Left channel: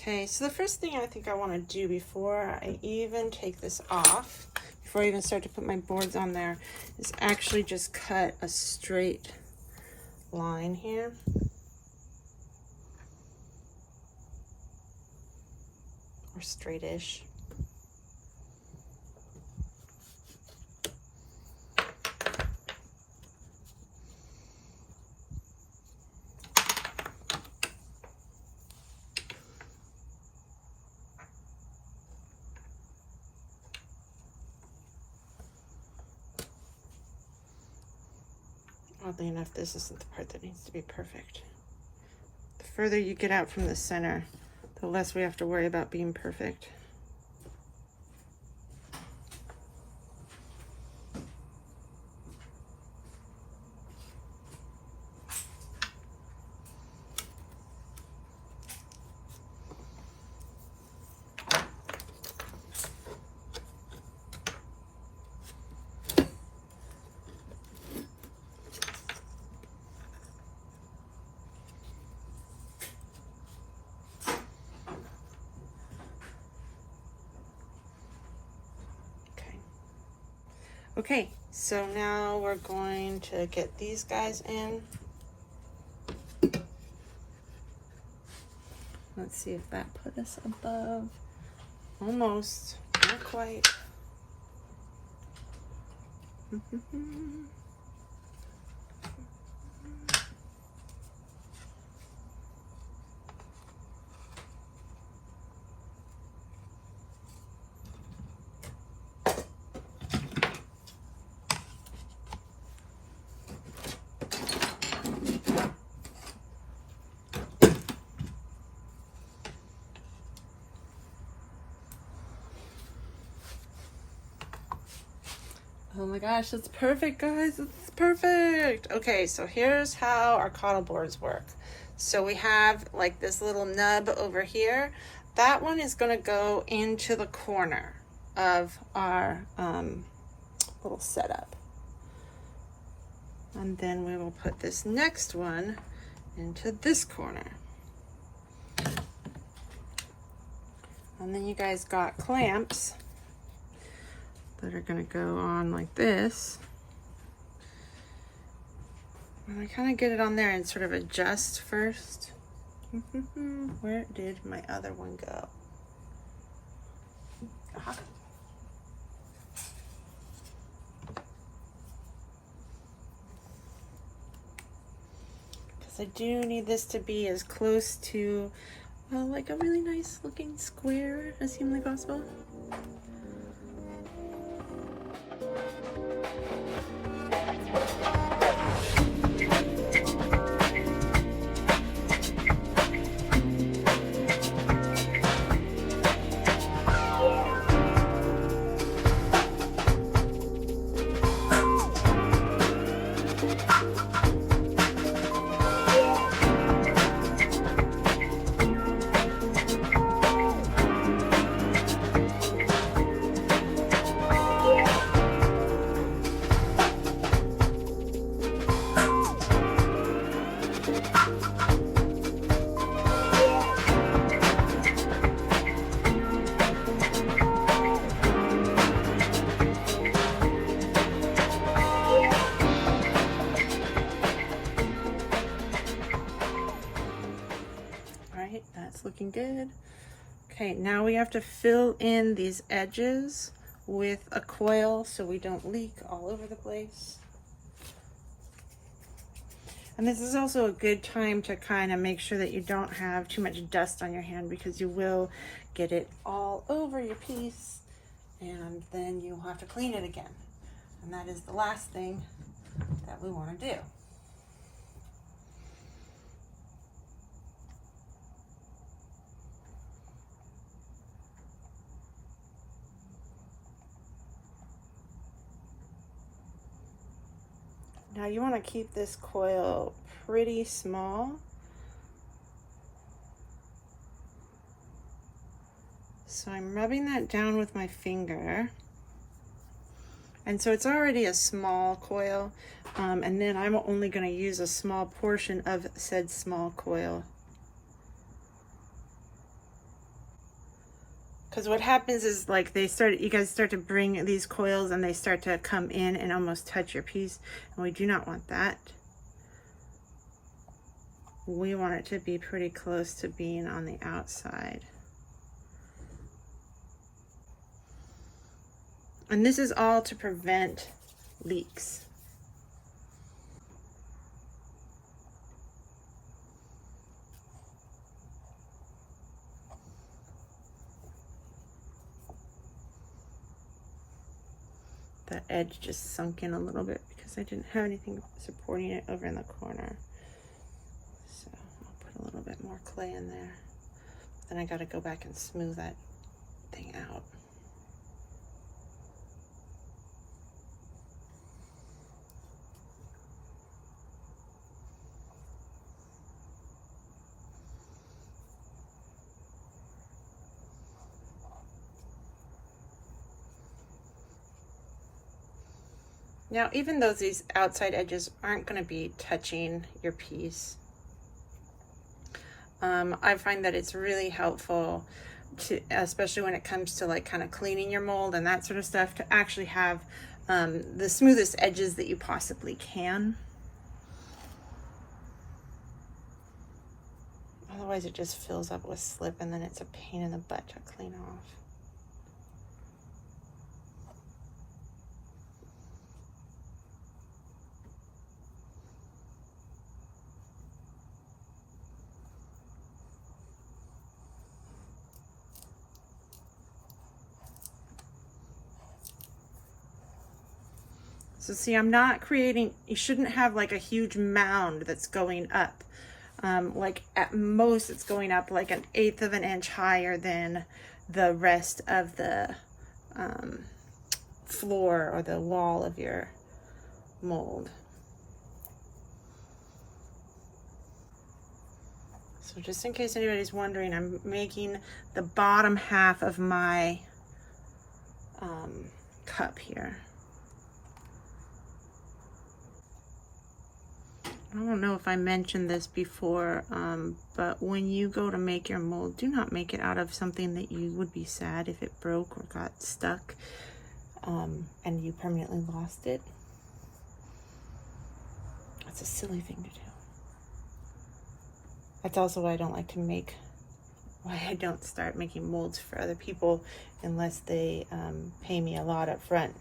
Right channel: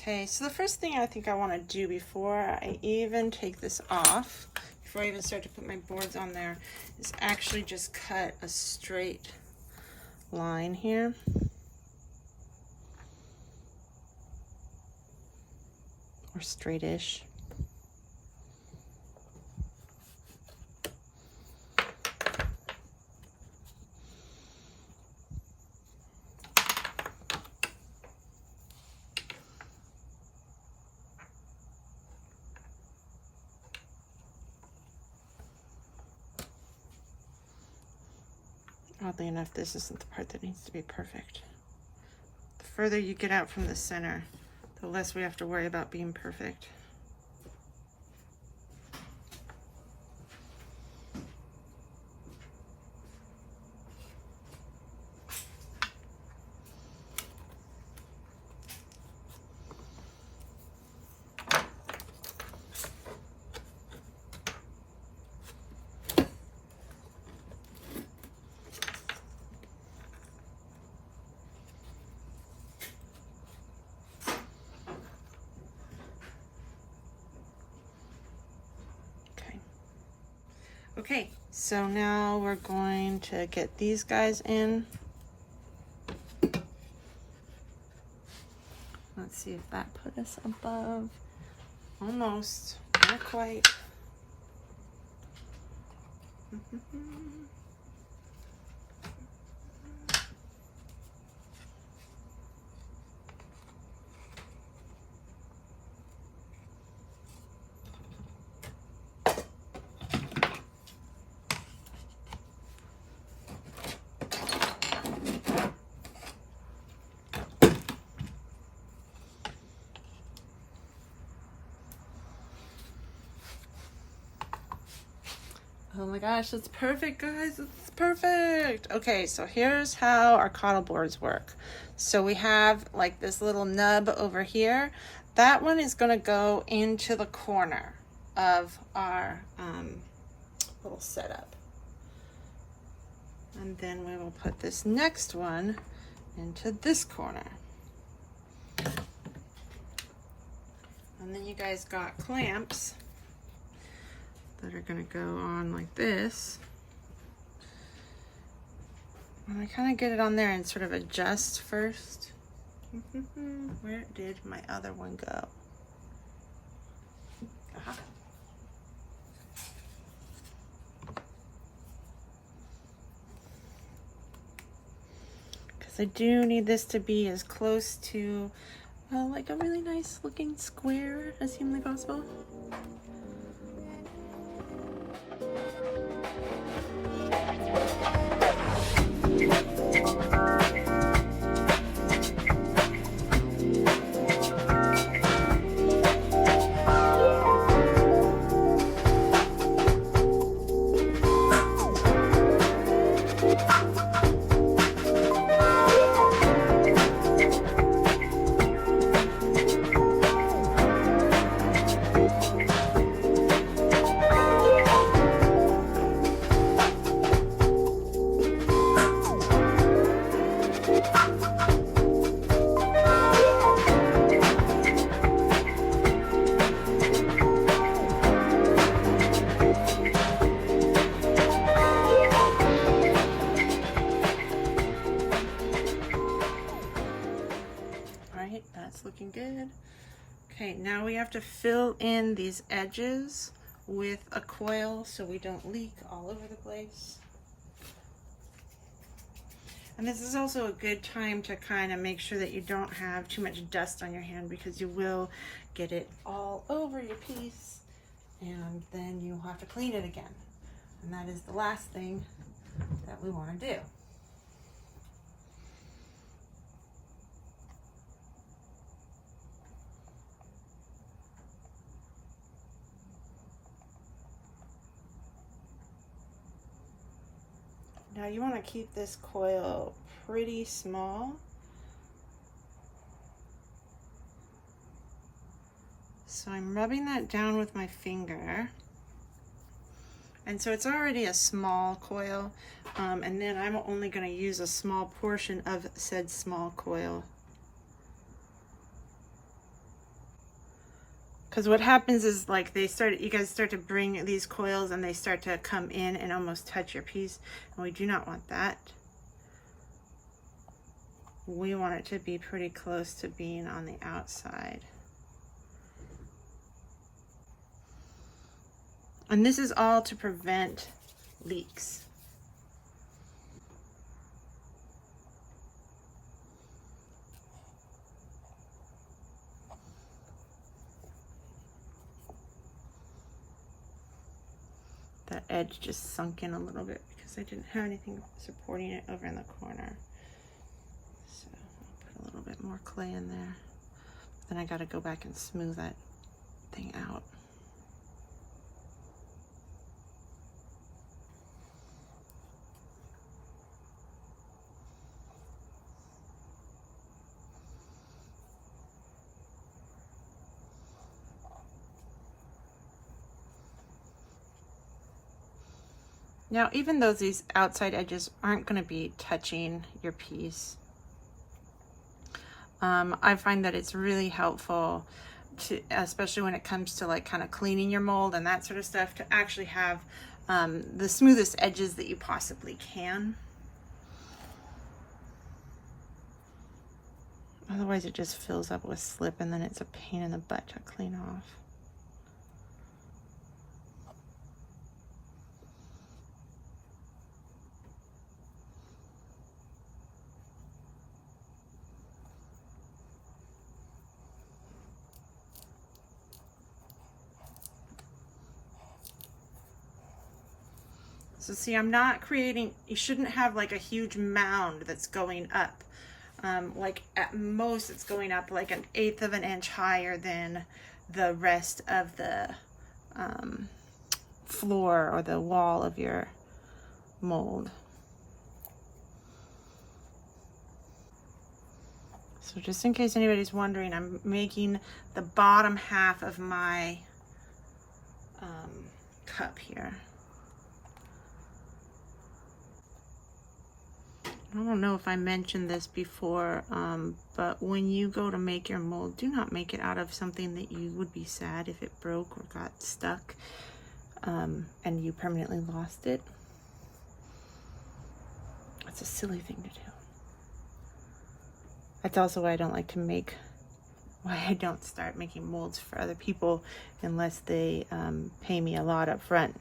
Okay, so the first thing I think I want to do before I even take this off, before I even start to put my boards on there, is actually just cut a straight line here. Or straightish. Oddly enough, this isn't the part that needs to be perfect. The further you get out from the center, the less we have to worry about being perfect. Okay, so now we're going to get these guys in. Let's see if that put us above. Almost, not quite. Oh my gosh, that's perfect, guys. It's perfect. Okay, so here's how our cottle boards work. So we have like this little nub over here. That one is going to go into the corner of our little setup. And then we will put this next one into this corner. And then you guys got clamps that are gonna go on like this. And I kind of get it on there and sort of adjust first. Where did my other one go? Because I do need this to be as close to like a really nice looking square as humanly possible. That's looking good. Okay, now we have to fill in these edges with a coil so we don't leak all over the place. And this is also a good time to kind of make sure that you don't have too much dust on your hand, because you will get it all over your piece and then you'll have to clean it again. And that is the last thing that we want to do. Now you want to keep this coil pretty small. So I'm rubbing that down with my finger. And so it's already a small coil. And then I'm only going to use a small portion of said small coil. Because what happens is like you guys start to bring these coils and they start to come in and almost touch your piece. And we do not want that. We want it to be pretty close to being on the outside. And this is all to prevent leaks. That edge just sunk in a little bit because I didn't have anything supporting it over in the corner. So I'll put a little bit more clay in there. Then I gotta go back and smooth that thing out. Now, even though these outside edges aren't going to be touching your piece, I find that it's really helpful to, especially when it comes to like kind of cleaning your mold and that sort of stuff, to actually have the smoothest edges that you possibly can. Otherwise it just fills up with slip and then it's a pain in the butt to clean off. So see, I'm not creating, you shouldn't have like a huge mound that's going up. Like at most it's going up like 1/8 of an inch higher than the rest of the floor or the wall of your mold. So just in case anybody's wondering, I'm making the bottom half of my cup here. I don't know if I mentioned this before, but when you go to make your mold, do not make it out of something that you would be sad if it broke or got stuck and you permanently lost it. That's a silly thing to do. That's also why I don't like to make, why I don't start making molds for other people unless they pay me a lot up front,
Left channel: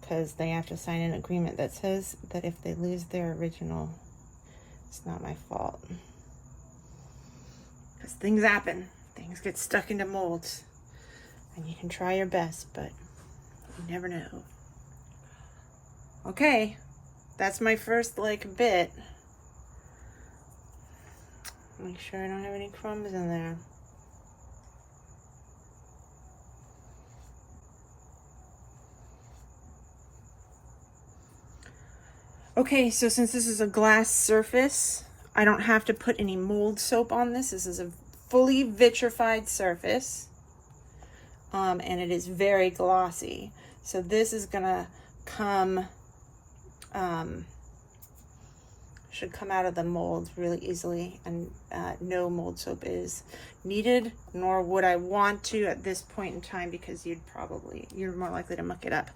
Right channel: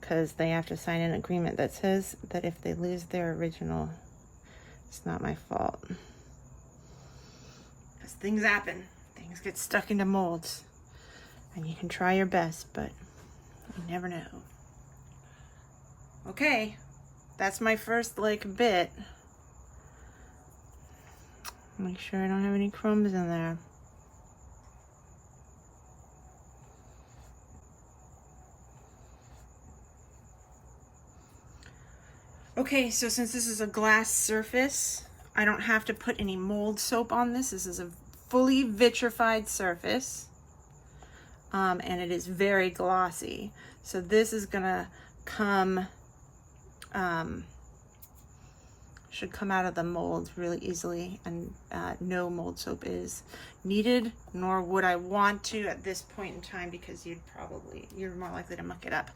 because they have to sign an agreement that says that if they lose their original, it's not my fault. Because things happen. Things get stuck into molds. And you can try your best, but you never know. Okay, that's my first like bit. Make sure I don't have any crumbs in there. Okay, so since this is a glass surface, I don't have to put any mold soap on this. This is a fully vitrified surface, and it is very glossy. So this is gonna come, should come out of the mold really easily, and no mold soap is needed, nor would I want to at this point in time, because you're more likely to muck it up.